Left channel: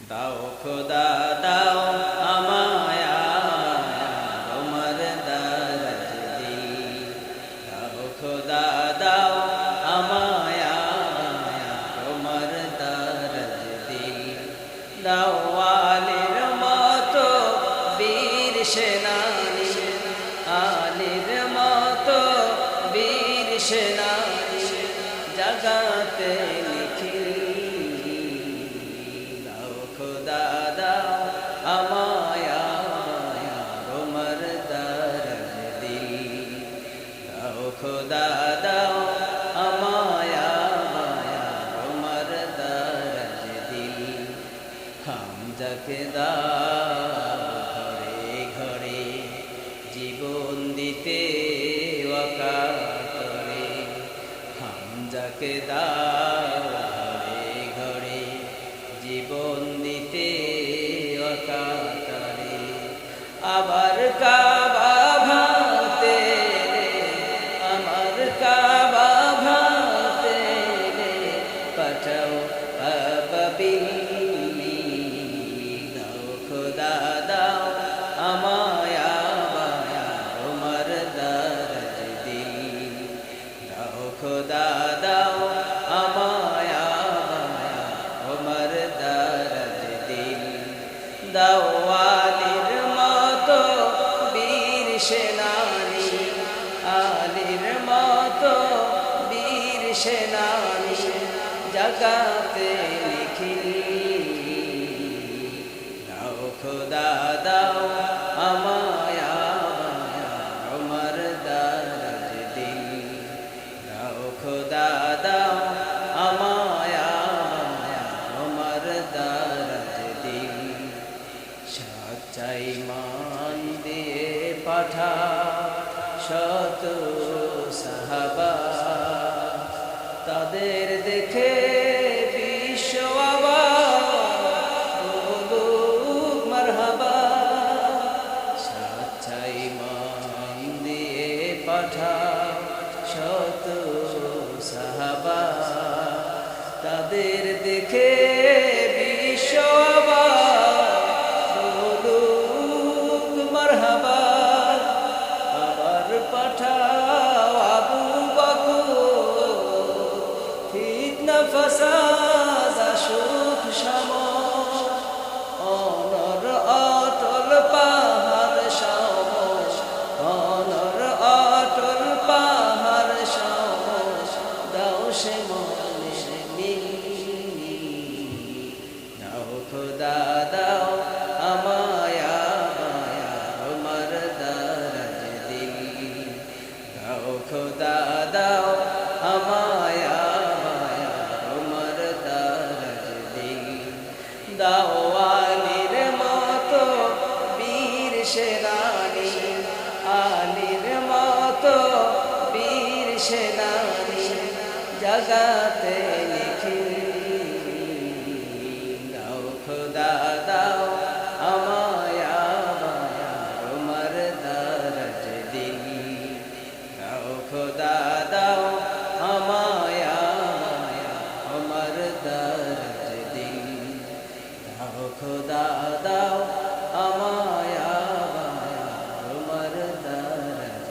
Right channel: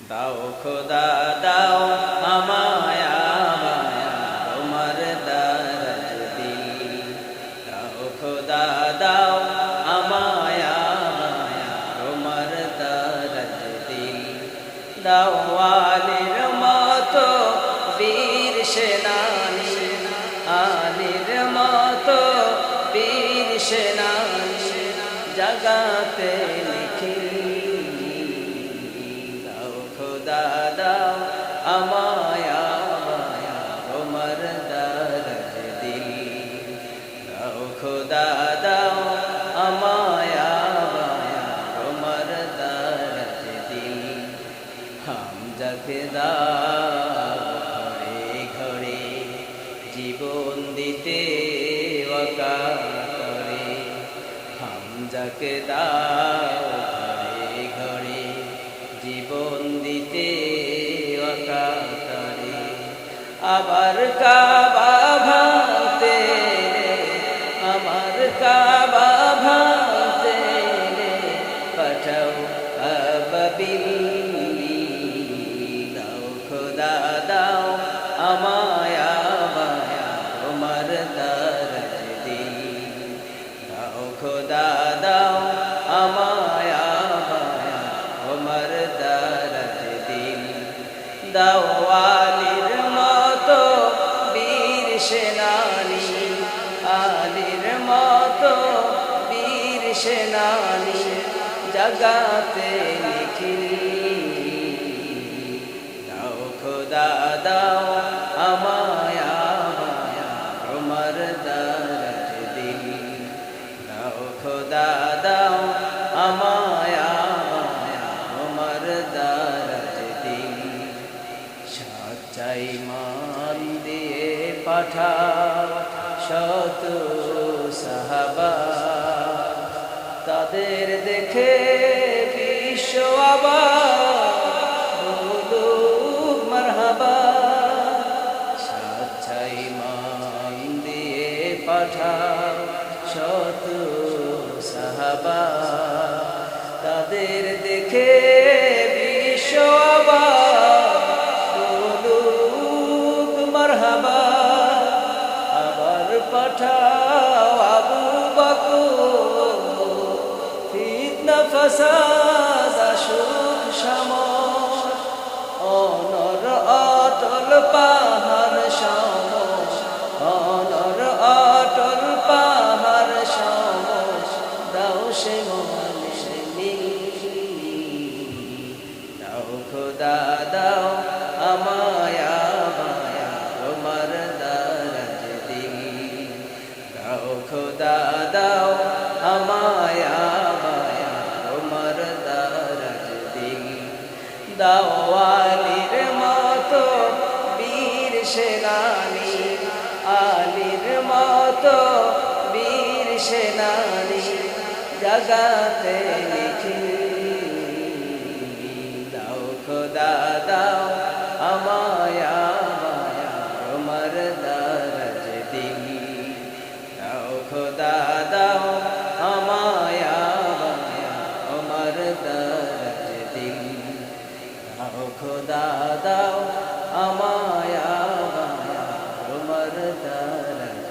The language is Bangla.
দাও খোদা দাও আমায় বায়া তোমার দরজ দিল। দাও খোদা দাও আমায় বায়া তোমার দরজ দিল। দাও আলীর মতো বীর সেনানী, আলীর মতো বীর সেনানী জাগাতে নিখিল। দাও খোদা দাও আমায় বায়া তোমার দরজ দিল। দাও খোদা দাও আমায় বায়া তোমার দরজ দিল। হামজাকে দাও ঘরে ঘরে জীবন দিতে ওয়াকাতরে। হামজাকে দাও ঘরে ঘরে জীবন দিতে ওয়াকাতরে। আবার কাবা ভাঙতে এলে, আমার কাবা ভাঙতে এলে পাঠাও আবাবিল। দাও খোদা দাও আমায় বায়া তোমার দরজ দিল। দাও খোদা দাও আমায় বায়া তোমার দরজ দিল। দাও আলীর মতো বীর সেনানী, আলীর মতো বীর সেনানী জাগাতে নিখিল। দাও খোদা দাও আমায় বায়া তোমার দরজ দিল। দাও খোদা দাও আমায় বায়া তোমার দরজ দিল। সচ্চাই মান দিয়ে পাঠাও শত সাহাবা, তাদের দেখে বিশ্ব আবার বলুক মারহাবা। সচ্চাই মান দিয়ে পাঠাও শত সাহাবা, তাদের দেখে বিশ্ব আবার বলুক মারহাবা। আবার পাঠাও আবু বকর, ফিতনা ফাসাদ আসুক সমর। অনর অটল পাহাড় সম, অনর অটল পাহাড় সম দাও সে মনের মিল। দাও খোদা দাও আমায় বায়া তোমার দরজ দিল। দাও খোদা দাও আমায় বায়া তোমার দরজ দিল। দাও আলীর মতো বীর সেনানী, আলীর মতো বীর সেনানী জাগাতে নিখিল। দাও খোদা দাও আমায় বায়া তোমার দরজ দিল। দাও খোদা দাও আমায় বায়া তোমার দরজ দিল। দাও খোদা দাও আমায় বায়া তোমার দরজ